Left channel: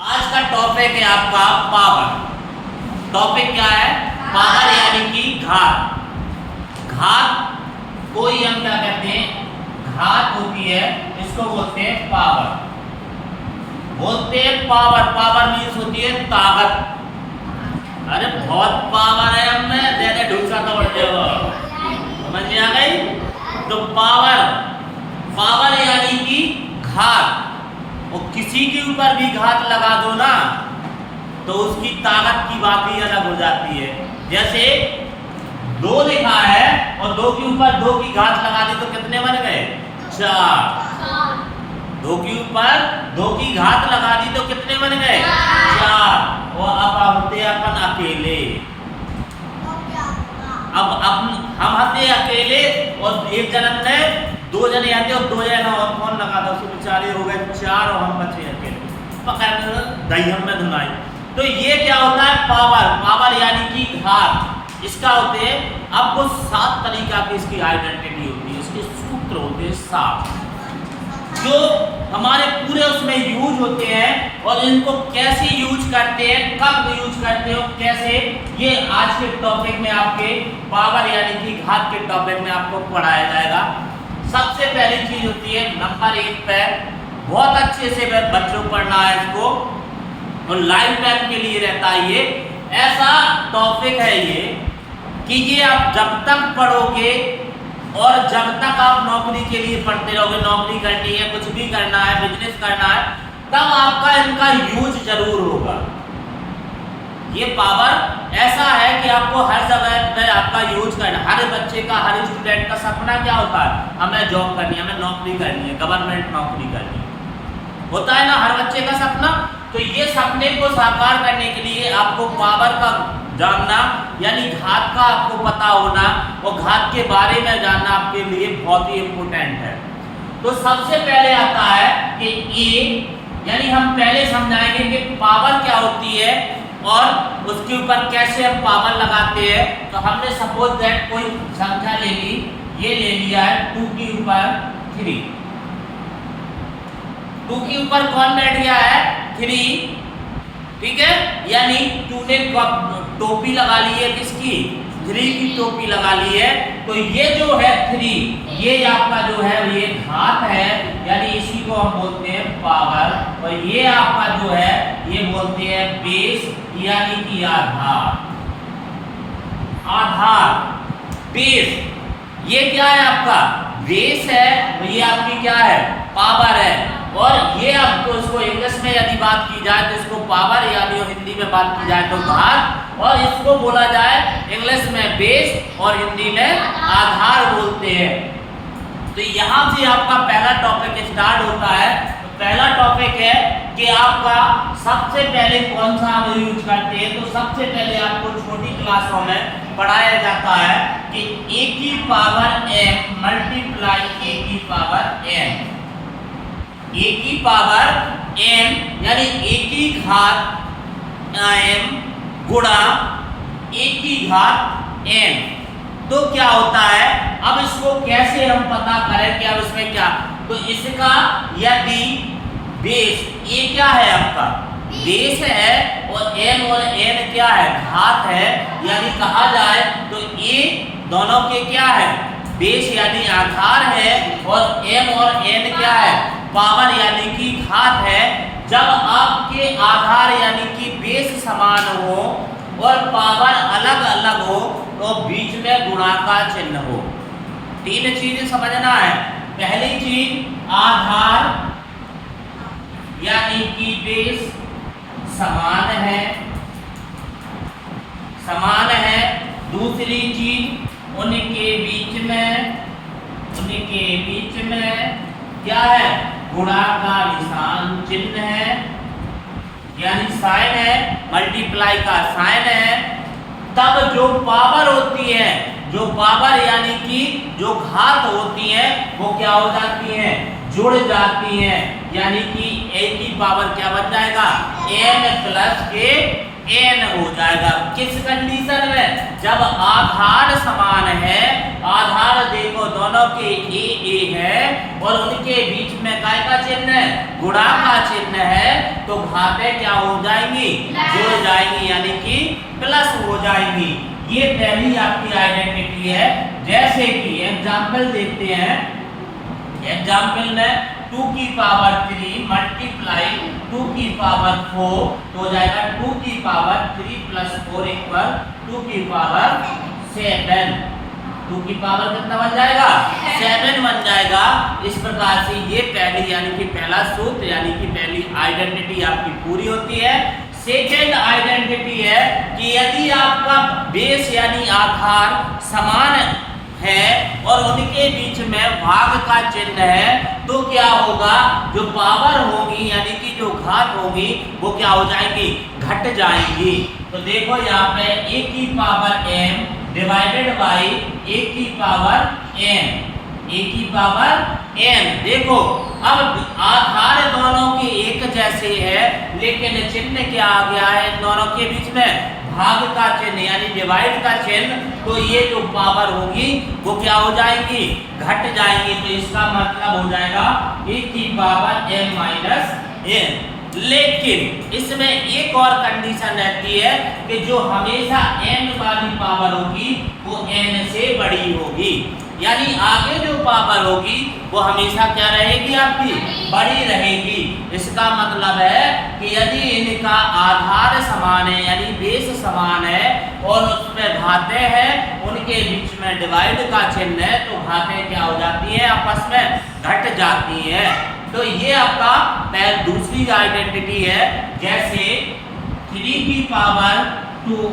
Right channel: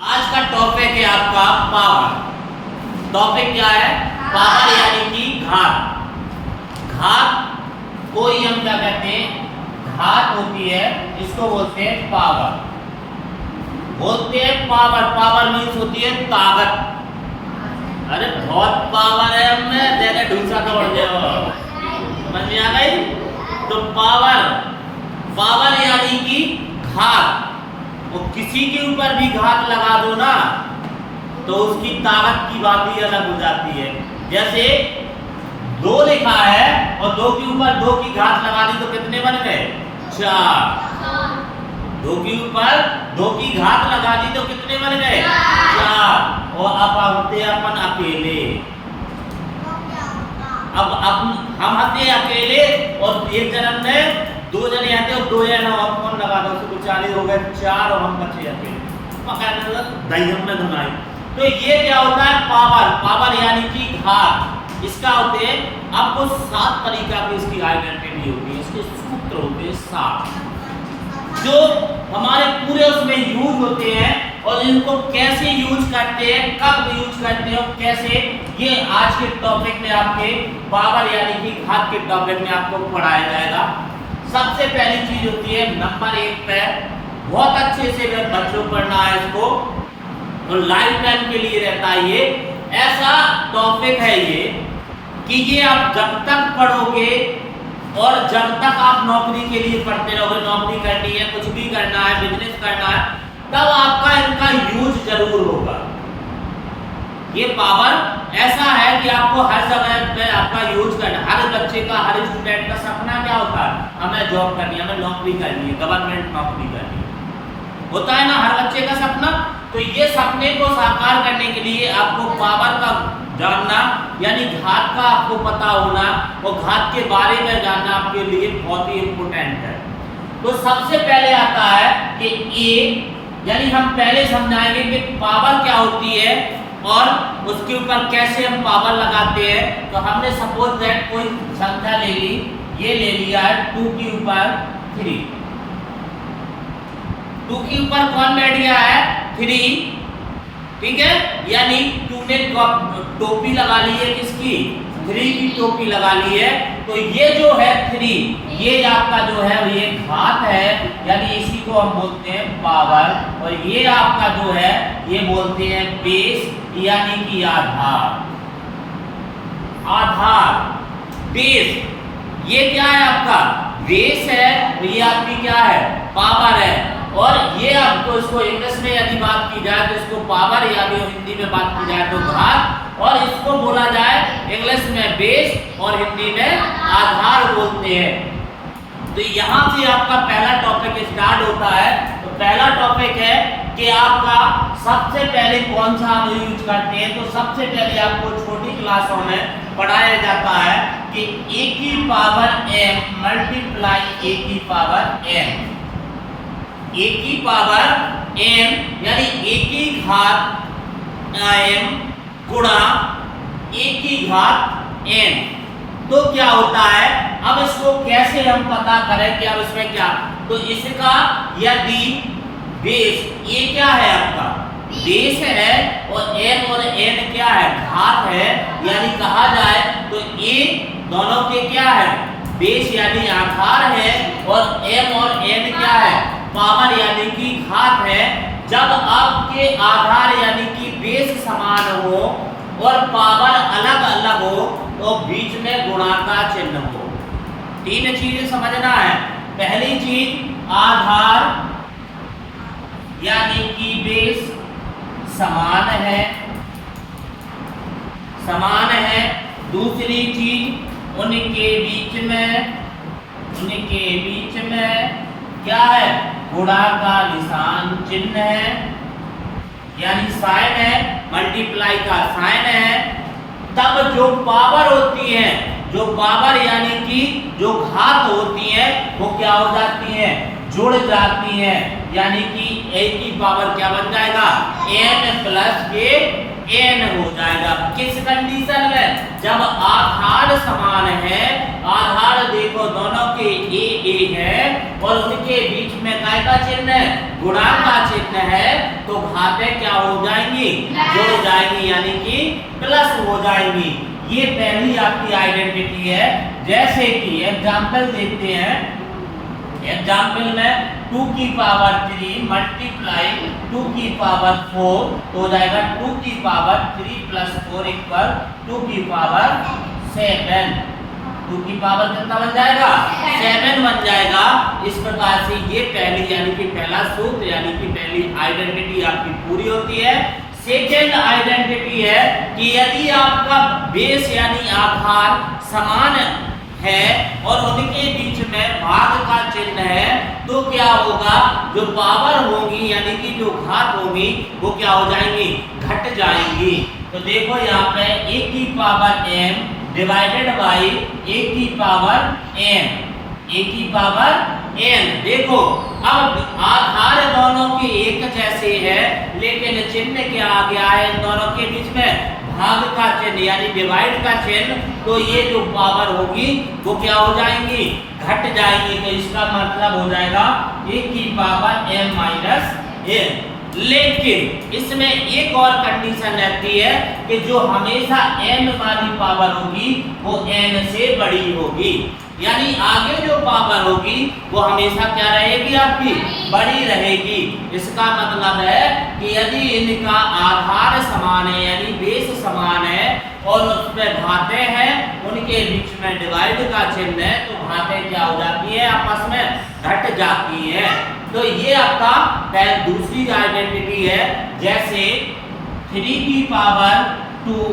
आज का टॉपिक है आपका पावर। टॉपिक क्या है? पावर यानी कि घात। घात को ही हम क्या कहते हैं? घात होती है, इसको बोलते हैं पावर। बोलते हैं पावर। पावर मीन्स होती है ताकत। अरे बहुत पावर है हमें, जैसे ढूंढा तो बढ़ जाओ, समझ में आ गई? तो पावर, पावर यानी कि घात। और किसी के ऊपर भी घात लगा दो ना तो उसकी ताकत की बात ही अलग हो जाती है। जैसे 2 लिखा है और 2 के ऊपर 2 की घात लगा दी तो कितने बन गए? 4। 2 के ऊपर 2 की घात लगा दी तो कितने बन गए? 4। और अब होते अपन अकेले। अब हम हंसते अकेले और एक जन्म में 2 जने आते और 2 जने और फोन लगा दो, उसको बेचारे हो गए 4 और हम बचे अकेले। पकड़ दही में धुनाई। तो ये क्या होता है? पावर। पावर यानी कि घात। इसका होते हैं आपको 7 तरीका की इसकी आइडेंटिटी होती है, इसके सूत्र होते हैं 7 जो हमारे पूरे उसमें यूज होते हैं। और इनको कैसे यूज करते हैं, कब यूज करते हैं और कैसे, ये आज के टॉपिक में आपके पावर यानी कि घात के टॉपिक में आपको पढ़ाया जाएगा। सबसे पहली चीज होती है नंबर 1 पे, बहुत अच्छे से बच्चों को पढ़ना है इसको, और लाइफ टाइम के लिए रहता है। ये ऐसा टॉपिक है ये कि ये आप जब तक पढ़ोगे और जब तक आप नौकरी के लिए पढ़ते रहोगे, नौकरी करनी है, कुछ भी करना है, बिजनेस करना है, तब आपका इनका यूज जरूर होगा। ये पावर ऐसा है कि आपको हर जगह पे आपका यूज करना। हर बच्चे का, हर स्टूडेंट का सपना क्या होता है? हमें जॉब करनी है, हमें नौकरी करनी है, गवर्नमेंट नौकरी करनी है, होता है ना हर बच्चे का सपना। तो ये सपने को साकार करने के लिए आपको पावर का जानना यानी घात का आपको पता होना और घात के बारे में जानना आपके लिए बहुत ही इम्पोर्टेंट है। तो सबसे पहले आता है कि ए, यानी हम पहले समझाएंगे कि पावर क्या होती है और उसके ऊपर कैसे हम पावर लगाते हैं। तो हमने सपोज दैट कोई संख्या ले ली, ये ले लिया है 2 के ऊपर 3। 2 के ऊपर कौन बैठ गया है? 3, ठीक है। यानी 2 ने टोपी लगा ली है, किसकी? 3 की टोपी लगा ली है। तो ये जो है 3, ये आपका जो है ये घात है, यानी इसी को हम बोलते हैं पावर। और ये आपका जो है ये बोलते हैं बेस, यानी कि आधार। आधार, बेस, ये क्या है आपका? बेस है। तो ये आपकी क्या है? पावर है। और ये आपको इसको इंग्लिश में यदि बात की जाए तो इसको पावर, यानी हिंदी में बात की जाए तो घात, और इसको बोला जाए इंग्लिश में बेस और हिंदी में आधार बोलते हैं। तो यहाँ से आपका पहला टॉपिक स्टार्ट होता है। तो पहला टॉपिक है कि आपका सबसे पहले कौन सा हम यूज करते हैं। तो सबसे पहले आपको छोटी क्लासों में पढ़ाया जाता है कि a की पावर m मल्टीप्लाई a की पावर n। a की पावर n यानी a की घात m गुणा a की घात n। तो क्या होता है? अब इसको कैसे हम पता करें कि अब इसमें क्या? तो इसका यदि बेस, ये क्या है आपका? बेस है, और m और n क्या है? घात है। यानी कहा जाए तो ये दोनों के क्या है? बेस यानी आधार है, और m और n क्या है? पावर यानी कि घात है। जब आपके आधार यानी कि बेस समान हो और पावर अलग अलग हो तो बीच में गुणा का चिन्ह हो। 3 चीजें समझना है। पहली चीज आधार यानी कि बेस समान है, समान है। दूसरी चीज उनके बीच में, उनके बीच में क्या है? गुणा का निशान चिन्ह है, यानी साइन है, मल्टीप्लाई का साइन है। तब जो पावर होती है, जो पावर यानी कि जो घात होती है, वो क्या हो जाती है? जुड़ जाती है। यानी कि a की पावर क्या बन जाएगा? n प्लस k n हो जाएगा। किस कंडीशन में? जब आधार समान है, आधार देखो दोनों के a है और उनके बीच में काय का चिन्ह है? गुणा का चिन्ह है, तो घातें क्या हो जाएंगी? जुड़ जाएंगी, यानी कि प्लस हो जाएंगी। ये पहली आपकी आइडेंटिटी है। जैसे कि एग्जाम्पल देखते हैं, एग्जाम्पल में 2 की पावर 3 मल्टीप्लाई 2 की पावर 4 तो हो जाएगा 2 की पावर 3 प्लस 4 इक्वल 2 की पावर 7। 2 की पावर कितना बन जाएगा? 7 बन जाएगा। इस प्रकार से ये पहली यानी कि पहला सूत्र यानी कि पहली आइडेंटिटी आपकी पूरी होती है। सेकेंड आइडेंटिटी है कि यदि आपका बेस यानी आधार समान है और उनके बीच में भाग का चिन्ह है, तो क्या होगा? जो पावर होगी यानी कि जो घात होगी वो क्या हो जाएंगी? घट जाएंगी। तो देखो यहाँ पे a की power m divided by a की पावर n, a की पावर n। देखो अब आधार दोनों की एक जैसे है, लेकिन चिन्ह क्या आ गया है इन दोनों के बीच में? भाग का चिन्ह यानी डिवाइड का चिन्ह। तो ये जो पावर होगी वो क्या हो जाएंगी? घट जाएंगी। तो इसका मतलब हो जाएगा a की पावर m माइनस n। लेकिन इसमें एक और कंडीशन रहती है कि जो हमेशा m वाली पावर होगी वो n से बड़ी होगी, यानी आगे जो पावर होगी वो हमेशा क्या रहेगी? आपकी बड़ी रहेगी। इसका मतलब है कि यदि इनका आधार समान है यानी बेस समान है और उसमें घातें हैं, उनके बीच में डिवाइड का चिन्ह है, तो घातें क्या हो जाती हैं? आपस में घट जाती हैं। तो ये आपका दूसरी आइडेंटिटी है। जैसे 3 की पावर 2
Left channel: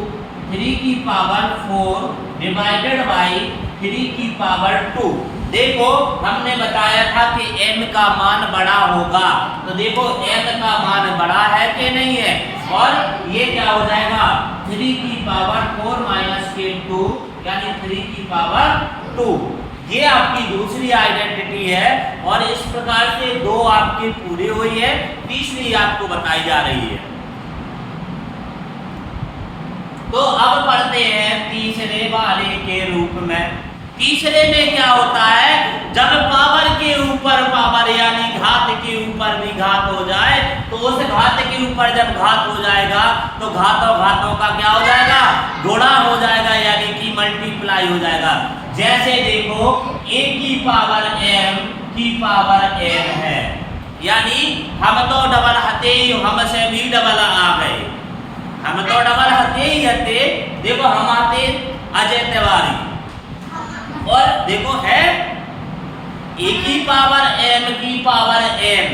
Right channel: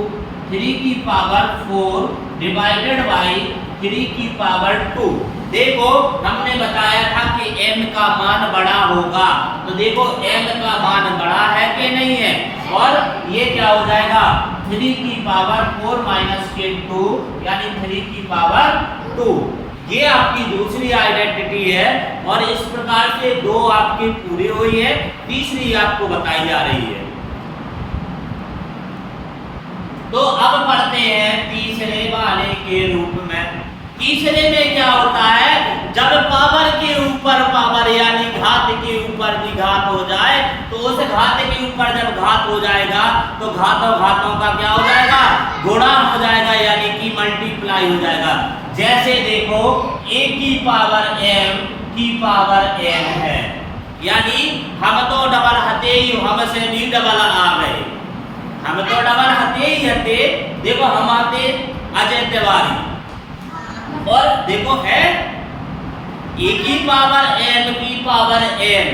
3 की पावर 4 डिवाइडेड बाई 3 की पावर 2। देखो हमने बताया था कि m का मान बड़ा होगा, तो देखो m का मान बड़ा है कि नहीं है, और ये क्या हो जाएगा? 3 की पावर 4 माइनस के 2 यानी 3 की पावर 2। ये आपकी दूसरी आइडेंटिटी है। और इस प्रकार से दो आपकी पूरी हुई है, तीसरी आपको बताई जा रही है। तो अब पढ़ते हैं तीसरे वाले के रूप में। तीसरे में क्या होता है? जब पावर के ऊपर पावर यानी घात के ऊपर भी घात हो जाए, तो उस घात के ऊपर जब घात हो जाएगा तो घात और घातों का क्या हो जाएगा? गुणा हो जाएगा, यानी कि मल्टीप्लाई हो जाएगा। जैसे देखो a की पावर m की पावर n है, यानी हम तो डबल हते ही हमसे भी डबल आ गए, हम तो डबल हते ही हते। देखो हम आते अजय तिवारी, और देखो है a की पावर m की पावर n,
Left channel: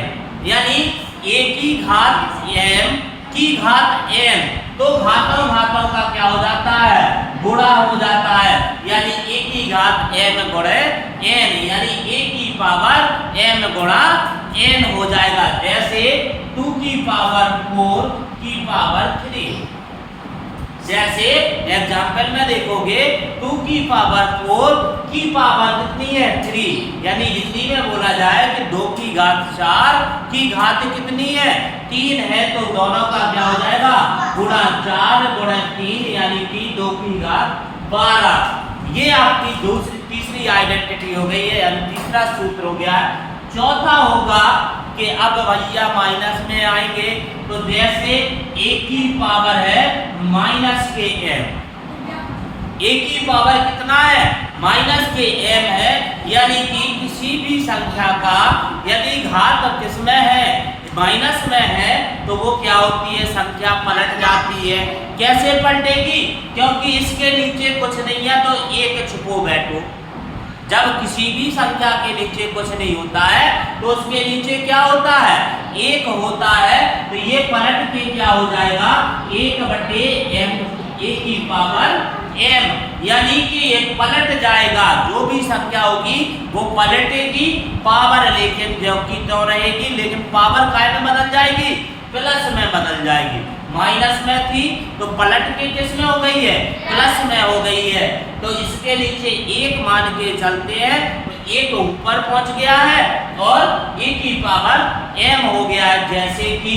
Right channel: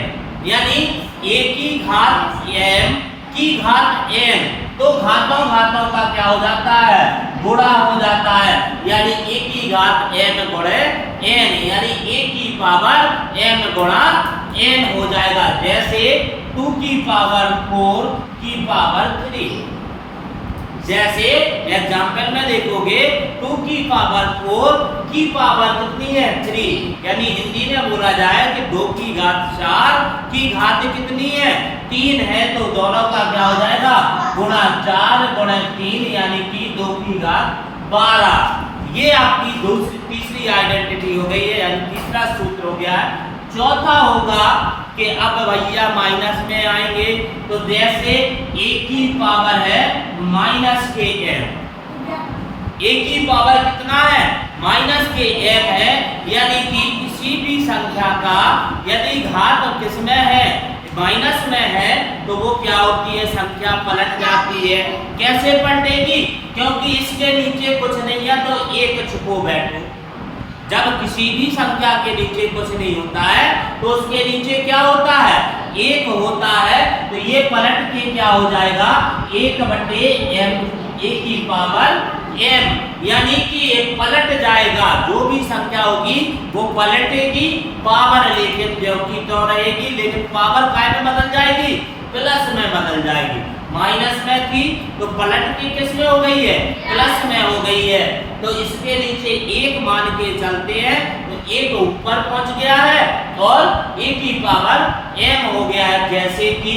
यानी a की घात m की घात n। तो घातों घातों का क्या हो जाता है? गुणा हो जाता है, यानी a की घात m गुणे n, यानी a की पावर m गुणा n हो जाएगा। जैसे 2 की पावर 4 की पावर 3। जैसे एग्जाम्पल में देखोगे 2 की पावर 4 की पावर कितनी है? 3, यानी हिंदी में बोला जाए कि 2 की घात 4 की घात कितनी है? 3 है, तो दोनों का क्या हो जाएगा? गुणा 4 गुणा 3, यानी कि 2 की घात 12। ये आपकी तीसरी आइडेंटिटी हो गई है, यानी तीसरा सूत्र हो गया है। चौथा होगा कि अब भैया माइनस में आएंगे, तो जैसे a की पावर है माइनस के m, a की पावर कितना है? माइनस के m है, यानी कि किसी भी संख्या का यदि घात किसमें है? माइनस में है, तो वो क्या होती है? संख्या पलट जाती है। कैसे पलटेगी? क्योंकि इसके नीचे कुछ नहीं है तो एक छुपो बैठो। जब किसी भी संख्या के नीचे कुछ नहीं होता है तो उसके नीचे क्या होता है? एक होता है। तो ये पलट के क्या हो जाएगा? 1/m a की पावर m, यानी कि एक पलट जाएगा। जो भी संख्या होगी वो पलटेगी पावर, लेकिन जो कि क्यों रहेगी? लेकिन पावर काय में बदल जाएगी? प्लस में बदल जाएगी। माइनस में थी तो पलट के किस में हो गई है? प्लस में हो गई है। तो इसके नीचे एक मान के चलते हैं, तो एक ऊपर पहुंच गया है और a की पावर m हो गया है। जैसे कि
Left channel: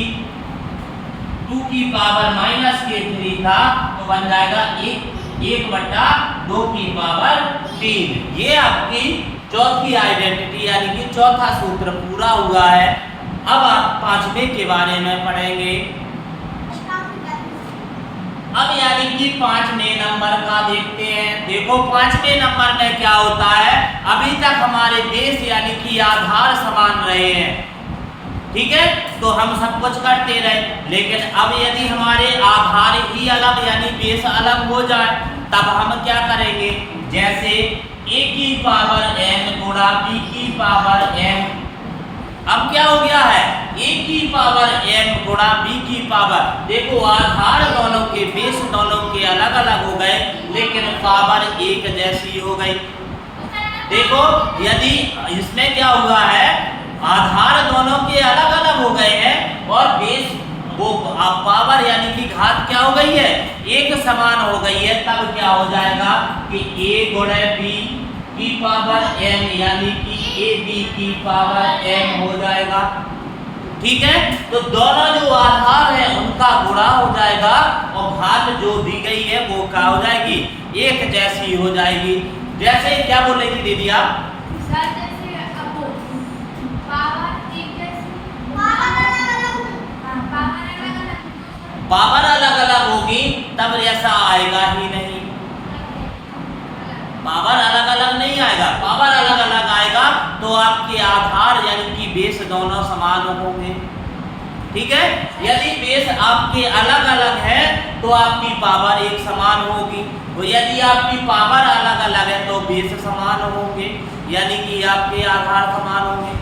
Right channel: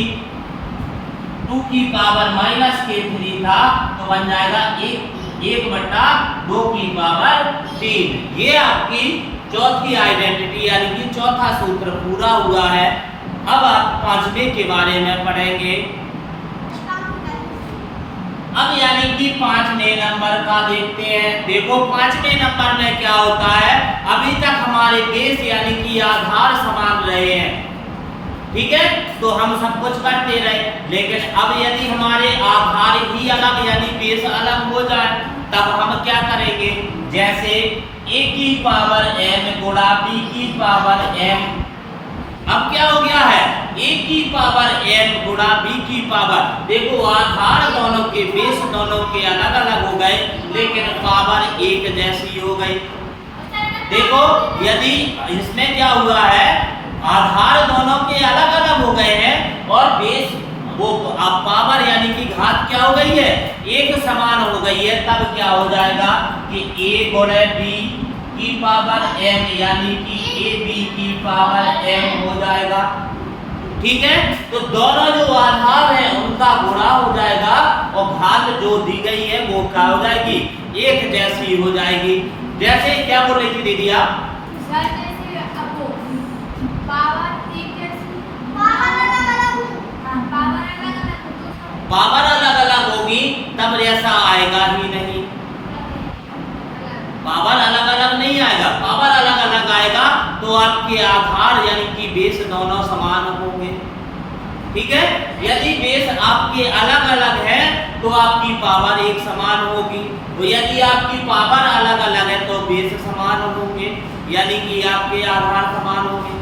2 की पावर -k3 था तो बन जाएगा 1/2 की पावर 3। ये आपकी चौथी आइडेंटिटी यानी कि चौथा सूत्र पूरा हुआ है। अब आप पांचवें के बारे में पढ़ेंगे। अब यानी कि पांचवें नंबर का देखते हैं। देखो पांचवें नंबर में क्या होता है, अभी तक हमारे बेस यानी कि आधार समान रहे हैं, ठीक है, तो हम सब कुछ करते रहे। लेकिन अब यदि हमारे आधार ही अलग यानी बेस अलग हो जाए तब हम क्या करेंगे, जैसे a की पावर m गुणा b की पावर m। अब क्या हो गया है, a की पावर m गुणा b की पावर, देखो आधार दोनों के बेस दोनों के अलग अलग हो गए लेकिन पावर एक जैसी हो गई। देखो यदि इसमें क्या हुआ है, आधार दोनों के अलग अलग हो गए हैं और बेस वो अब पावर यानी कि घात क्या हो गई है, एक समान हो गई है, तब क्या हो जाएगा कि a गुणे b की पावर m यानी कि ab की पावर m हो जाएगा। ठीक है, तो दोनों जो आधार है उनका गुणा हो जाएगा और घात जो दी गई है वो क्या हो जाएगी, एक जैसी हो जाएगी। जैसे क्या बोल रही थी दीदी आप, पावर अलग अलग होगी तब ऐसा आएगा ही नहीं, पावर अलग अलग नहीं आएगा। पावर अलग अलग आएगा तो आपके आधार यानी कि बेस दोनों समान होंगे। ठीक है, यदि बेस आपके अलग अलग है तो आपकी पावर एक समान होगी, तो यदि आपकी पावर अलग अलग है तो बेस समान होंगे यानी कि आपके आधार समान होंगे।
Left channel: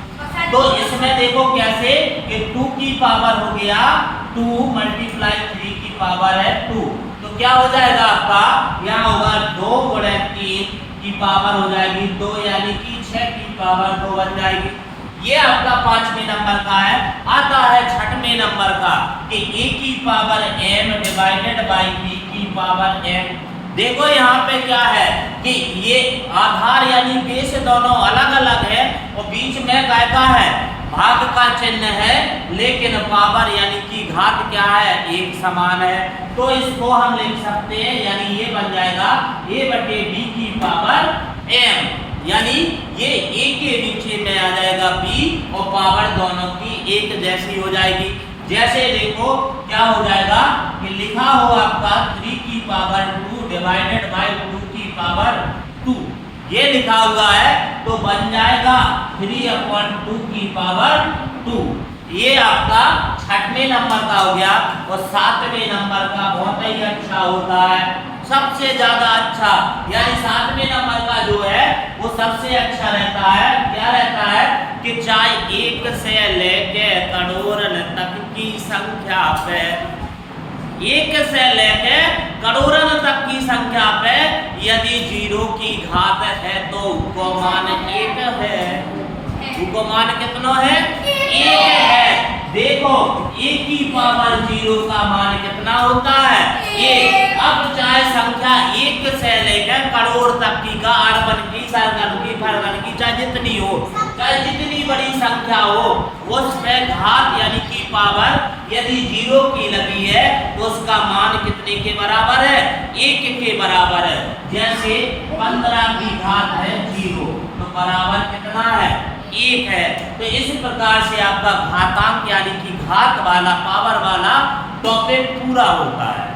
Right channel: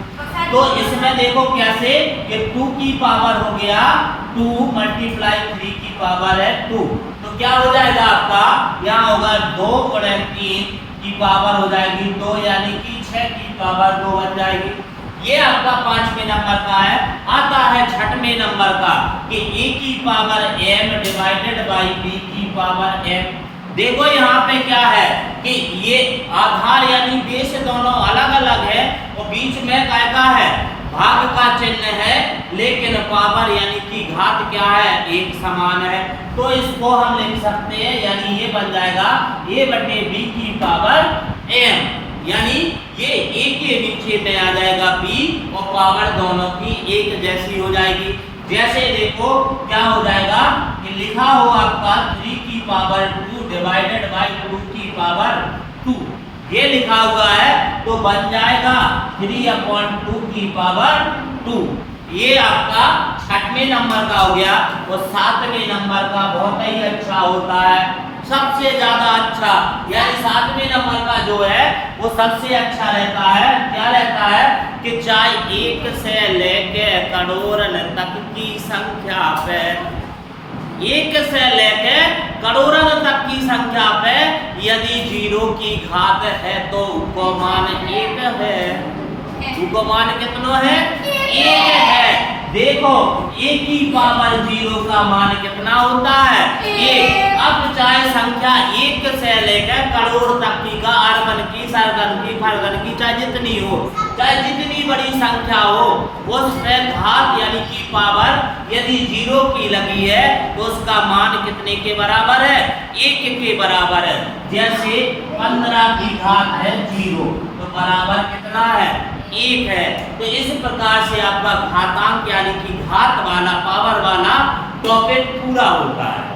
तो इसमें देखो कैसे कि 2 की पावर हो गया 2 मल्टीप्लाई 3 की पावर है 2, तो क्या हो जाएगा आपका, यहाँ होगा 2 गुणे 3 की पावर हो जाएगी 2 यानी कि 6 की पावर 2 बन जाएगी। ये आपका पांचवें नंबर का है। आता है छठवें नंबर का कि a की power m divided by b की पावर m। देखो यहाँ पे क्या है कि ये आधार यानी बेस दोनों अलग अलग है और बीच में काय का है, भाग का चिन्ह है, लेकिन पावर यानी कि घात क्या है, एक समान है। तो इसको हम लिख सकते हैं यानी ये बन जाएगा a/b की पावर m, यानी ये a के नीचे में आ जाएगा b और पावर दोनों की एक जैसी हो जाएगी। जैसे देखो क्या हो जाएगा कि लिखा हो आपका 3 की पावर 2 डिवाइडेड बाई 2 की पावर 2, ये लिखा हुआ है तो बन जाएगा 3/2 की पावर 2। ये आपका छठवें नंबर का हो गया। और सातवें नंबर का बहुत ही अच्छा होता है, सबसे ज्यादा अच्छा, यानी सातवें नंबर का जो है वो सबसे अच्छा रहता है। क्या रहता है कि चाहे 1 से लेके करोड़न तक की संख्या पे, 1 से लेके करोड़न तक की संख्या पे यदि 0 की घात है तो उसको मान 1 है, उसको मान कितना है, 1 है। देखो a की पावर 0 का मान कितना होता है, 1। अब चाहे संख्या 1 से लेकर करोड़ तक की का अर्बन की सरगन की फरगन की चाहे जितनी हो, चाहे जितनी बड़ी संख्या हो, उस पे घात यानी कि पावर यदि 0 की लगी है तो उसका मान कितने के बराबर है, 1 के बराबर है। जैसे 15 की घात है 0 तो बराबर कितना है, 1 है। तो इस प्रकार से आपका घातांक यानी कि घात वाला पावर वाला टॉपिक पूरा होता है।